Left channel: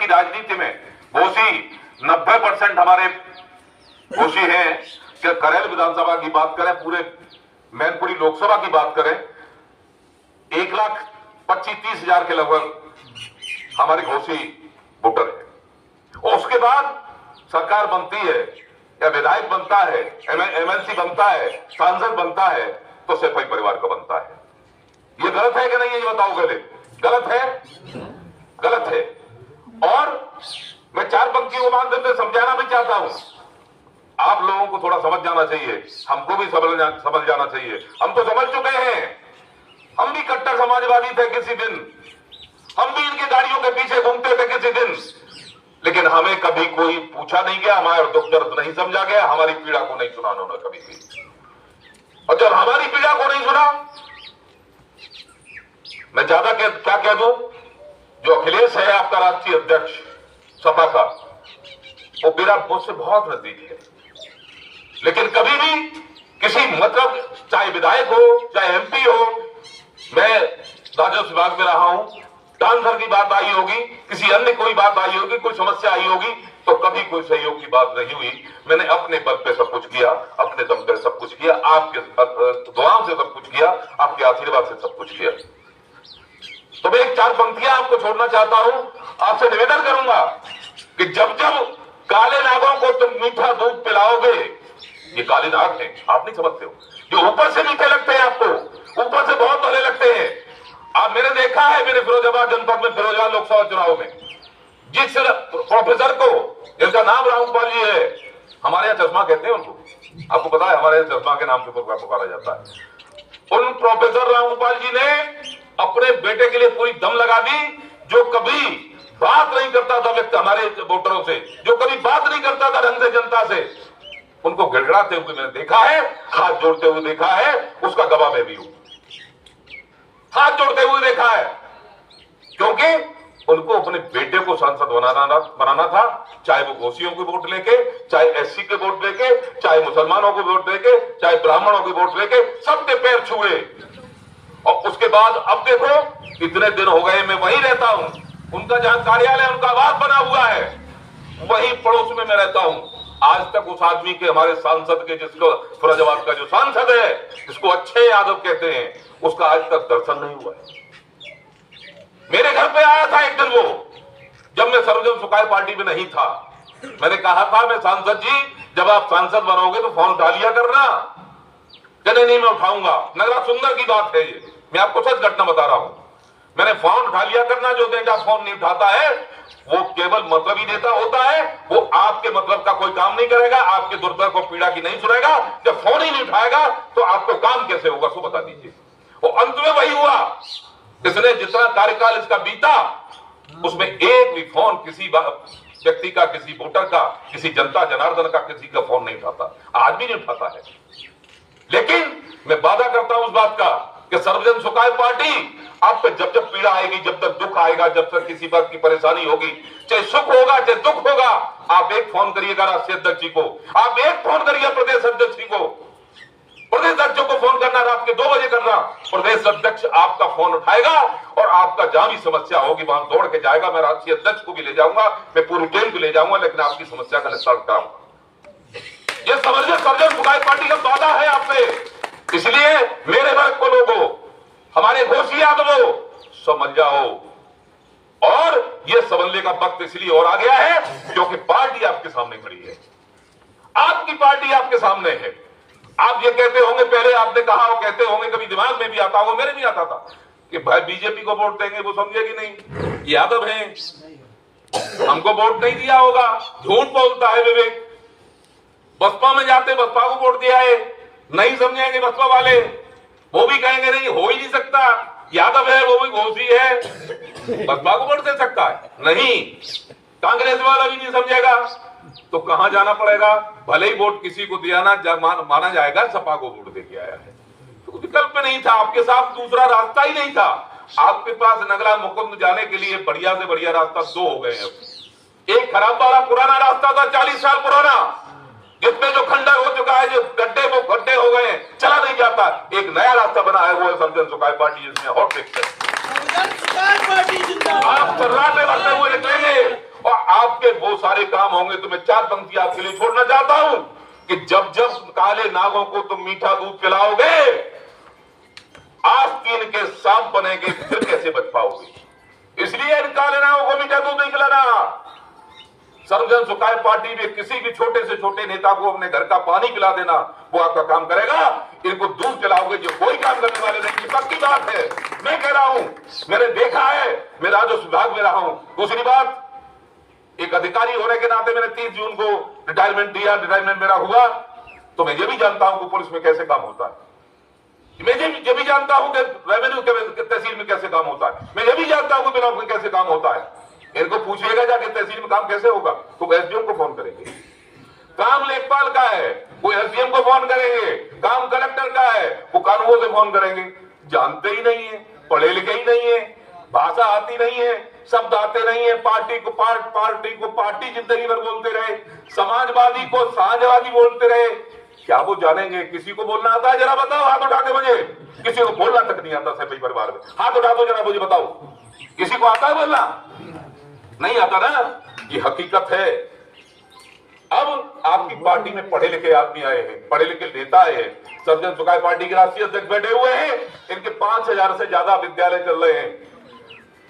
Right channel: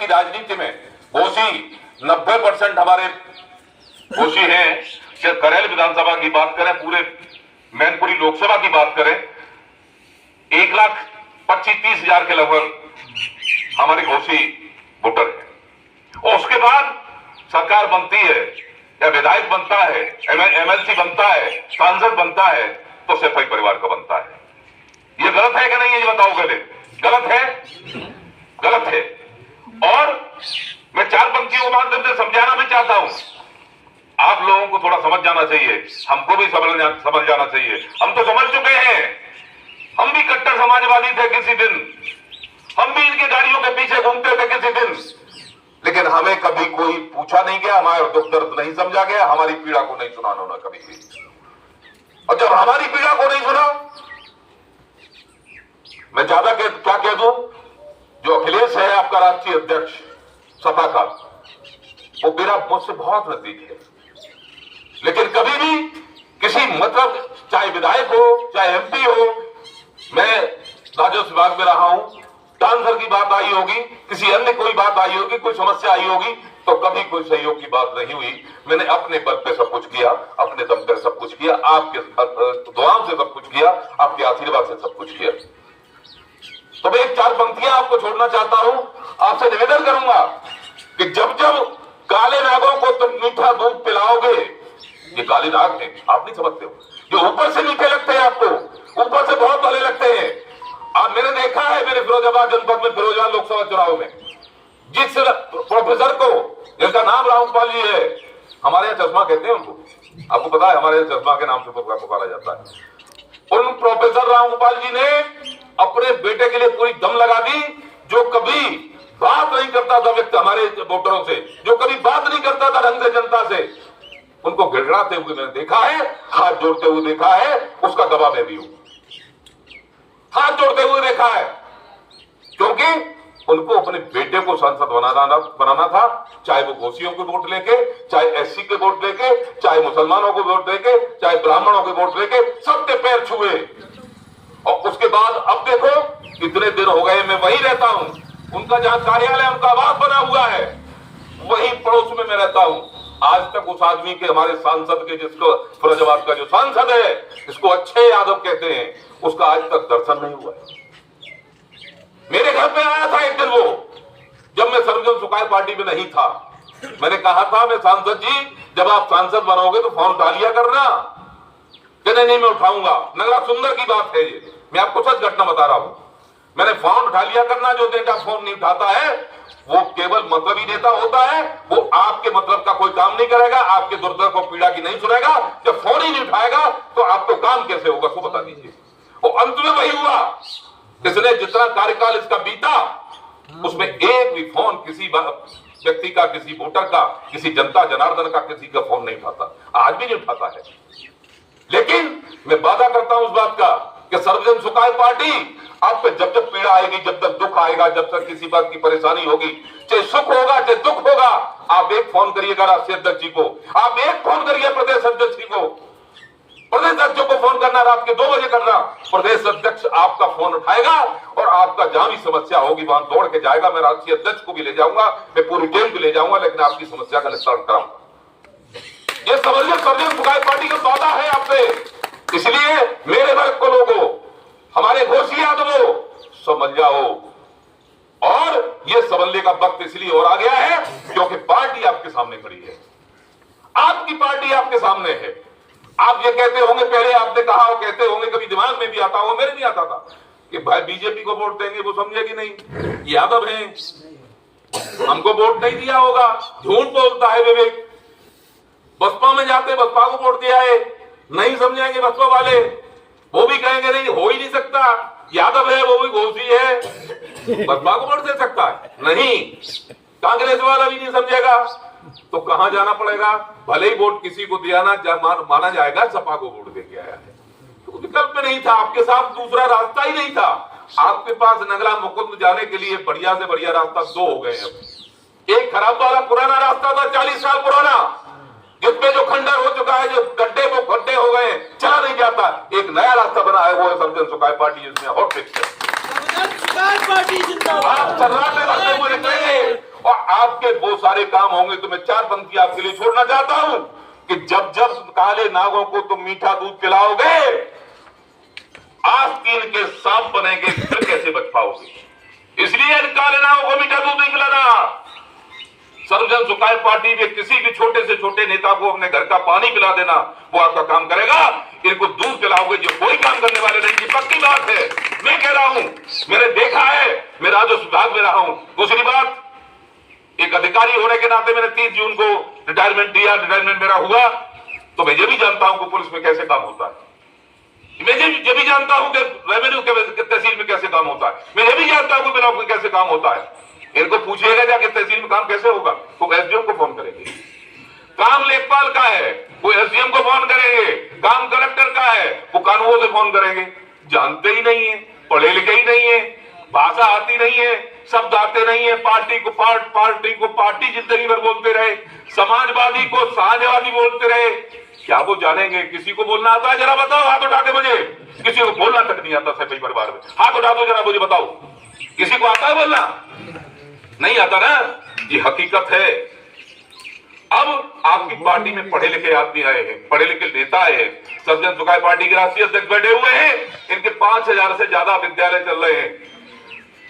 की राजनीति में घोषी 90% हमारे घोषी हैं। कि करेल विधानसभा की बात करें, पूरे मैनपुरी लोकसभा की बात करें, 1,25,30,000 के लगभग हमारे घोषी वोटर है। और उसके बाद सरकार बनती है या विधायक बनता है, एमएलसी बनता है, सांसद बनता है, तो सफाई परिवार का बनता है। ये गलत है कि नहीं, ये बताओ पहले। गलत है, गलत है। और मैं 4 पंक्तियों के माध्यम से समझाना भी चाहता हूं। आप लोगों को थोड़ा समझ जाना चाहिए, हमको भी समझ जाना चाहिए। हम तो समझ चुके हैं, हम भी कट्टर समाजवादी थे किसी दिन, हम भी इनकी गाड़ियों के पीछे घूमते थे किसी दिन, लेकिन हमें कभी कोई पूछा नहीं गया, हमारा दुख दर्द नहीं समझा गया, हमारी पीड़ा को नहीं सुना उन्होंने कभी भी। और जब हमारी पीड़ा को नहीं सुना, मैं ज्यादा क्या कह दूं, जो अखिलेश है आपका राष्ट्रीय अध्यक्ष सपा का, वो मेरा मुझसे बहुत नजदीक है, लेकिन कभी भी किसी मतलब चाहे विधायक हो चाहे एमपी हो, मैं राजस्व विभाग में रहा हूं, ट्रांसफर की बात आई होगी, किसी अन्य कोई बात आई होगी, कोई समस्या आई होगी, तो कभी कोई सहयोग की बात नहीं हुई। मैंने अपने बल पे सब कुछ किया, अपने दम पे सब कुछ किया, आपके दुआओं से सब कुछ किया, आपके आशीर्वाद से सब कुछ किया। तो मैं 1-4 पंक्तियां आपको छोड़ना चाहता हूं, आपसे निवेदन करूंगा कि जब जब काले नागों को तुम मीठा दूध पिलाओगे, ये काले नाग हैं, आप नहीं समझते हो, जो ऊपर से मीठे लगते हैं आपको, ऊपर से बहुत भले लगते हैं। आप मैंने देखा है, मेरे फिरोजाबाद जनपद में फिरोजाबाद लोकसभा चुनाव में जिस प्रोफेसर को, जिनका नाम रामगोपाल जी है, हमारे यहाँ चश्मा कहते हैं उनको, आपको पता है हमारे यहाँ चश्मा के नाम से पुकारा जाता है। उन प्रोफेसर रामगोपाल जी ने अपने बेटे के लिए पूरी दम लगा दी। जो कभी बात नहीं करता था व्यक्ति हमारे वोटरों से, जो कभी बात नहीं करता था ढंग से जनता से, उनको गिड़गिड़ाते हुए मैंने देखा है, हाथ जोड़ते हुए देखा है, उसका गवाह मैं भी हूं। हाथ जोड़ते हुए देखा है, क्योंकि उनको अपने बेटे को सांसद बनाना था, चाहे वो घोषियों के वोट लेके, चाहे एससी के वोट लेके, चाहे मुसलमानों के वोट लेके, चाहे ब्राह्मणों के वोट लेके, सबके पैर छुए। और उसके बाद अब देखो, इतने दिन हो गए मैं वहीं रहता हूं, उनका जहां कार्यालय, उनका आवास बना हुआ है, वहीं पड़ोस में मैं रहता हूं। आज तक उस आदमी के, हमारे सांसद के, जिसको फिरोजाबाद का जो सांसद है, जिसको अच्छे यादव कहते हैं, उसका आज तक दर्शन नहीं हुआ। मेरे घर पे आया था एक दिन वो, जब मैं सर्वजन सुखाय पार्टी में नहीं था। मैंने कहा था, मैं सांसद जी, जब आप सांसद बनोगे तो फोन उठा लिया करना। कहने नहीं, मैं उठाऊंगा। नगरा सुंदर की बात है ये, मैं आपको सच घटना बता रहा हूं। मैंने फोन उठा लिया करना। जो बेटा फोन नहीं उठाता है वो केवल मतलब ही नेता होता है, वो आपके मतलब का कोई काम नहीं करेगा, आपके दुर्दर्द को, पीड़ा की नहीं सुनेगा। जब फोन ही नहीं उठाएगा तो आपको काम कैसे होगा, सो बता दीजिए। और अंत में वही हुआ, इसने जितना कार्यकाल इसका बीता, उसमें एक भी फोन किसी व्यक्ति का, किसी वोटर का, किसी जनता जनार्दन का, किसी का फोन नहीं उठाता, आज भी नहीं उठाता है। लेकिन मैं वादा करता हूं उस बात का कि सर्वजन सुखाय पार्टी आप पे जब जब पीड़ा आएगी, जब तक दुख आएगा, जब तक किसी बात की परेशानी होगी, चाहे सुख होगा चाहे दुख होगा, आप एक फोन करिएगा राष्ट्रीय अध्यक्ष जी को, आप एक फोन करिए प्रदेश अध्यक्ष जी को। प्रदेश अध्यक्ष को फोन करना, रात के 2 बजे करना, प्रदेश अध्यक्ष आपका फोन उठाएगा और आपका जहां भी समस्या होगी वहां दौड़ के जाएगा। मैं राष्ट्रीय अध्यक्ष को भी ले जाऊंगा, मैं पूरी टीम को ले जाऊंगा, लेकिन आपकी समस्या का निस्तारण कराऊंगा। ये समझिए, सर्वजन सुखाय पार्टी का वादा है आपसे। इसलिए मेरे वर्ग को लोगों, हमारे घोषी यादवों, समझ जाओ। और ये समझने का वक्त इसलिए और आ गया है क्योंकि पार्टी आपके सामने खड़ी है, आपकी पार्टी आपके सामने है। आप ये कहते होंगे, पहले आपने कहा और कहते होंगे, कभी दिमाग में भी आता होगा, मेरे नहीं आता था, कि भाई बीजेपी को वोट देंगे, वो समझेगी नहीं, यादव हैं, हमको वोट नहीं दिया होगा। झूठ बोलता है विवेक। बसपा में जाते, बसपा को वोट दिया है, नहीं समझेंगे बसपा वाले, वो भी कहेंगे नहीं, हो ही नहीं सकता, यादव है, वो भी घोषी है, बसपा को वोट दे सकता है नहीं, कांग्रेस वाला भी नहीं समझेगा। तो कहां जाना पड़ेगा? भले ही वोट किसी को दिया ना, माना जाएगा सपा को वोट देके आया है। तो विकल्प नहीं था, आपके साथ दूसरा रास्ता ही नहीं था। आपके पास नगला मुकुंद जाने के लिए बढ़िया से बढ़िया रास्ता 2 हो गए हैं। एक खराब वाला पुराना रास्ता था, 40 साल पुराना, जिसमें जो खंडर हो चुका है, जो गड्ढे वो गड्ढे हो गए, चला नहीं जाता। एक नया रास्ता बना है, वो है सर्वजन सुखाय पार्टी, जिसमें हॉट फिक्स है। आप चर्राटे करते हुए कहेंगे वो सारे काम होंगे। तो मैं 4 पंक्ति आपके लिए छोड़ना चाहता हूं कि जब जब काले नागों को तुम मीठा दूध पिलाओगे, आस्तीन के सांप बनेंगे, फिर कैसे बच पाओगे। इसलिए इन काले नागों को मीठा दूध नहीं पिलाना। सर्वजन सुखाय पार्टी में किसी भी छोटे से छोटे नेता को अपने घर का पानी पिला देना, वो आपका काम करेगा। इनको दूध पिलाओगे जो कोई काम करने वाले नहीं। ये पक्की बात है, मैं कह रहा हूं, मैंने देखा है, मैं राजस्व विभाग में रहा हूं। दूसरी बात, एक अधिकारी होने के नाते मैंने 30 जून को रिटायरमेंट दिया, रिटायरमेंट मेरा हुआ, तो मैं ये भी जानता हूं कि पुलिस में कैसे काम होता है। मैं ये भी जानता हूं कि रेवेन्यू के तहसील में कैसे काम होता है। मैं ये भी जानता हूं कि बिना कैसे काम होता है। इनको पूछिएगा जाके तहसील में काम कैसे होगा, तो एसडीएम को फोन करेंगे। काम लेखपाल का है, वो एसडीएम को फोन करेंगे। काम कलेक्टर का है, वो कानूनों से फोन करेंगे। जानते ही नहीं है, पढ़े लिखे ही नहीं है, भाषा आती नहीं है, शब्द आते नहीं है। पार्टी को पार्टी जिंदगी भर बोलते रहे, समाजवादी को साझवादी बोलते रहे। क्या वो जानेंगे? किसी को बोलना आता है? जरा बताओ, हाथ उठा के मुझे। किसी को बोलना तक नहीं आता सभी परिवार में, हाथ उठा दो जरा, मुझे बताओ, किसी को आता है बोलना? नहीं आता ना, ये हकीकत है। अब आपकी पार्टी में पढ़े लिखे आदमी आए हैं, पढ़े लिखे नेता आए हैं। सर्वजन सुखाय पार्टी के राष्ट्रीय अध्यक्ष बैठे हुए हैं, इनके 5000 से ज्यादा विद्यालय चल रहे हैं।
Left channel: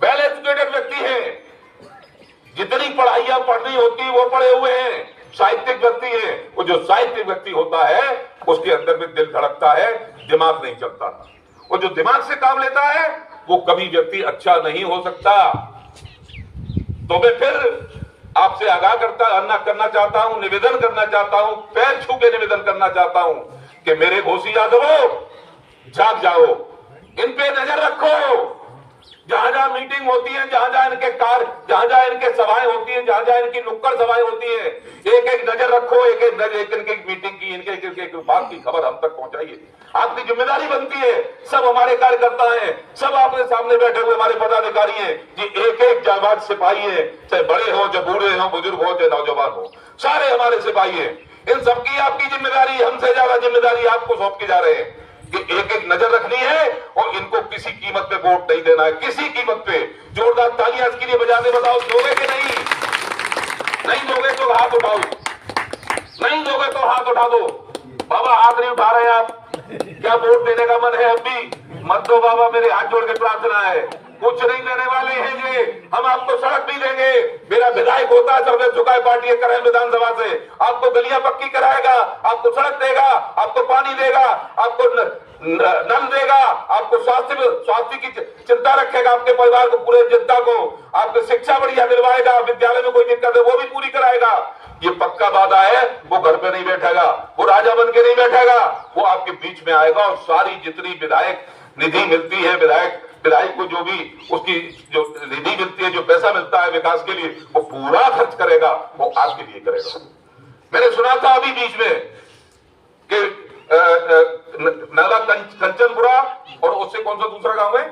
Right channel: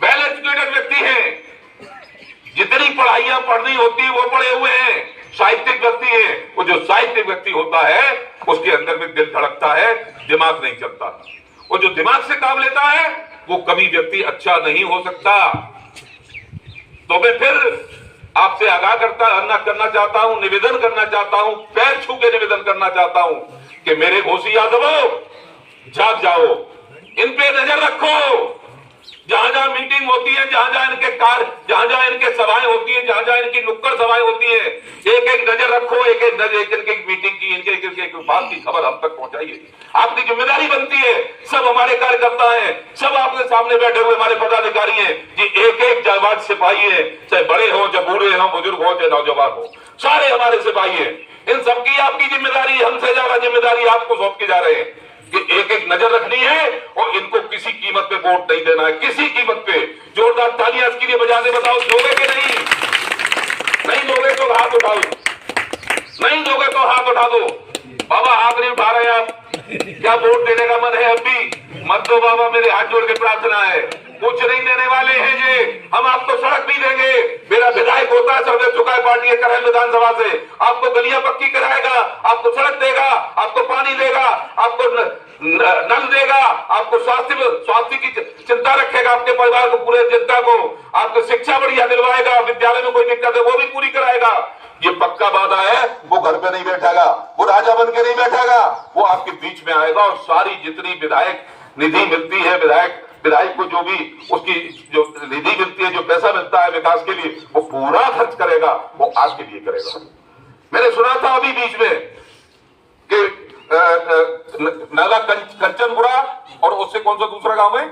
वेल एजुकेटेड व्यक्ति हैं, जितनी पढ़ाइयां पढ़नी होती है वो पढ़े हुए हैं। साहित्यिक व्यक्ति है, वो जो साहित्यिक व्यक्ति होता है उसके अंदर में दिल धड़कता है, दिमाग नहीं चलता। वो जो दिमाग से काम लेता है वो कभी व्यक्ति अच्छा नहीं हो सकता। तो मैं फिर आपसे आगाह करना चाहता हूं, निवेदन करना चाहता हूं, पैर छू के निवेदन करना चाहता हूं कि मेरे घोसी यादवों, जाग जाओ, इन पे नजर रखो। जहां जहां मीटिंग होती है, जहां जहां इनके सभाएं होती है, जहां जहां इनकी नुक्कड़ सभाएं होती है, एक एक नजर रखो, एक इनकी मीटिंग की, इनके बात की खबर हम तक पहुंचाइए। आपकी जिम्मेदारी बनती है। सब हमारे कार्यकर्ता हैं, सब आपके सामने बैठे हुए हमारे पदाधिकारी हैं, ये एक एक जाबाज सिपाही है, चाहे बड़े हो, चाहे बूढ़े हो, बुजुर्ग हो, चाहे नौजवान हो, सारे हमारे सिपाही हैं। इन सबकी आपकी जिम्मेदारी, हमसे ज्यादा जिम्मेदारी आपको सौंप के जा रहे हैं कि एक एक नजर रखनी है और इनको किसी कीमत पे वोट नहीं देना है, किसी कीमत पे। जोरदार तालियां इसके लिए बजा दे, बताओ दोगे कि नहीं? नहीं दोगे तो हाथ उठाओ, नहीं दोगे तो हाथ उठा दो। बाबा हाथ नहीं उठा रहे आप, क्या वोट देने का मन है? अभी मत दो बाबा, मेरे हाथ जोड़ के प्रार्थना है। कुछ नहीं देने वाले हैं ये, हम आपको सड़क भी देंगे। मेरा विधायक होता है सर्वजन सुखाय पार्टी के करैल विधानसभा से, आपको गलियां पक्की कराएगा, आपको सड़क देगा, आपको पानी देगा, आपको नल देगा, आपको स्वास्थ्य की चिंता रखेगा, आपके परिवार को, पूरे जनता को, आपको शिक्षा बढ़िया दिलवाएगा, विद्यालय में कोई दिक्कत है वो भी पूरी कराएगा। ये पक्का वादा है। वो घर पे नहीं बैठेगा, वो राजा बन के नहीं बैठेगा, वो आपके बीच में आएगा और सारी जितनी विधायक निधि मिलती है, विधायक को जो भी उसकी जो निधि मिलती है, जो पैसा मिलता है विकास के लिए, वो पूरा खर्च करेगा, वो आपके लिए करेगा। मैंने सुना था अभी बीच में कि नाला कंचनपुरा और उससे कौन सा दूसरा गांव है,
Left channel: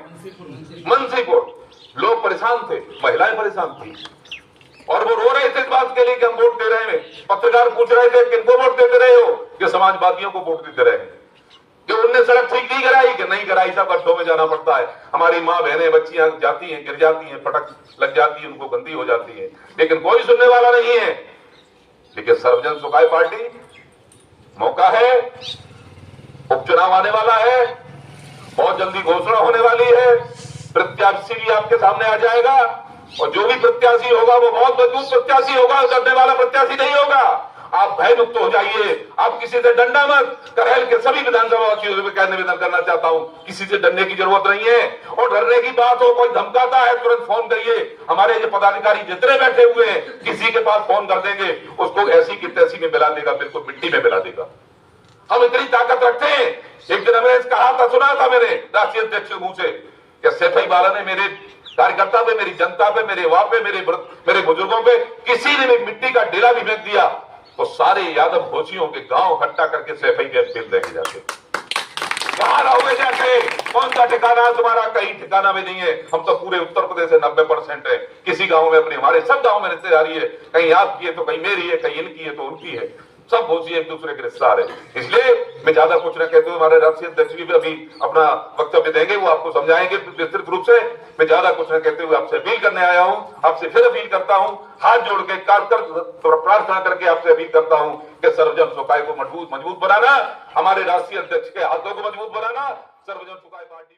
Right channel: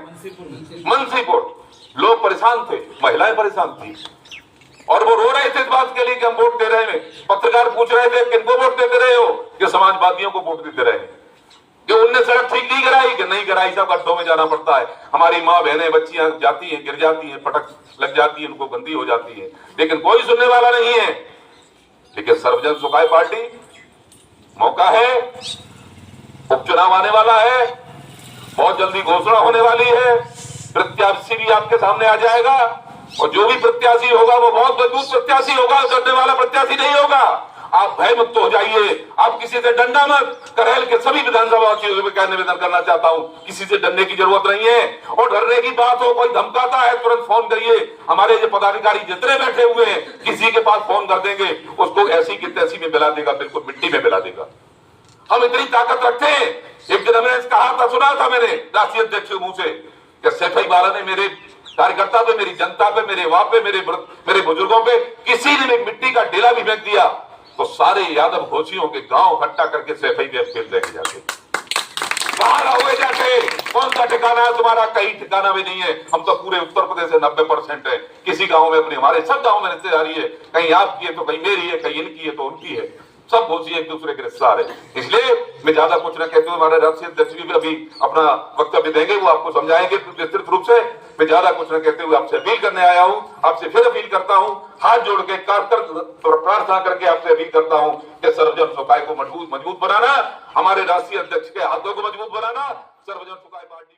मनसीपुर, लोग परेशान थे, महिलाएं परेशान थी और वो रो रहे थे इस बात के लिए कि हम वोट दे रहे हैं। पत्रकार पूछ रहे थे किनको वोट देते रहे हो, कि समाजवादियों को वोट देते रहे। कि उनने सड़क ठीक नहीं कराई, कि नहीं कराई साहब, गड्ढों में जाना पड़ता है, हमारी माँ बहनें बच्चियां जाती हैं, गिर जाती हैं, पटक लग जाती है, उनको गंदी हो जाती है, लेकिन कोई सुनने वाला नहीं है। लेकिन सर्वजन सुखाय पार्टी, मौका है, उपचुनाव आने वाला है, बहुत जल्दी घोषणा होने वाली है, प्रत्याशी भी आपके सामने आ जाएगा और जो भी प्रत्याशी होगा वो बहुत मजबूत प्रत्याशी होगा, डरने वाला प्रत्याशी नहीं होगा। आप भय मुक्त हो जाइए, आप किसी से डरना मत। करैल के सभी विधानसभा वासियों से क्या निवेदन करना चाहता हूं, किसी से डरने की जरूरत नहीं है। और डरने की बात हो, कोई धमकाता है, तुरंत फोन करिए। हमारे जो पदाधिकारी जितने बैठे हुए हैं, किसी के पास फोन कर देंगे, उसको ऐसी की तैसी में मिला देगा, बिल्कुल मिट्टी में मिला देगा। हम इतनी ताकत रखते हैं। एक दिन मैंने कहा था, सुना था मैंने राष्ट्रीय अध्यक्ष के मुंह से कि सैफई वाला ने मेरे कार्यकर्ता पे, मेरी जनता पे, मेरे वाह पे, मेरे बुजुर्गों पे किसी ने मिट्टी का डेला भी फेंक दिया तो सारे यादव घोषियों के गांव इकट्ठा करके सैफई पे फेंक देंगे। जाके कहां रहोगे, जाके कौन सा ठिकाना है तुम्हारा? कहीं ठिकाना भी नहीं है। हम तो पूरे उत्तर प्रदेश से 90% है, किसी गांव में अपनी, हमारे सब गांव में रिश्तेदारी है, कहीं आपकी है तो कहीं मेरी है, कहीं इनकी है तो उनकी है। सब घोषी एक दूसरे के रिश्तेदार है। इसलिए मैं ज्यादा कुछ न कहते हुए हमारे राष्ट्रीय अध्यक्ष भी अभी अपना वक्तव्य देंगे, वो आपको समझाएंगे विस्तृत रूप से। मैं ज्यादा कुछ न कहते हुए आपसे अपील करने आया हूं, आपसे फिर अपील करता हूं, हाथ जोड़ के प्रार्थना करके आपसे अपील करता हूं कि सर्वजन सुखाय को मजबूत बनाना, हमारे राष्ट्रीय अध्यक्ष के हाथों को मजबूत बनाना, सर्वजन सुखाय पार्टी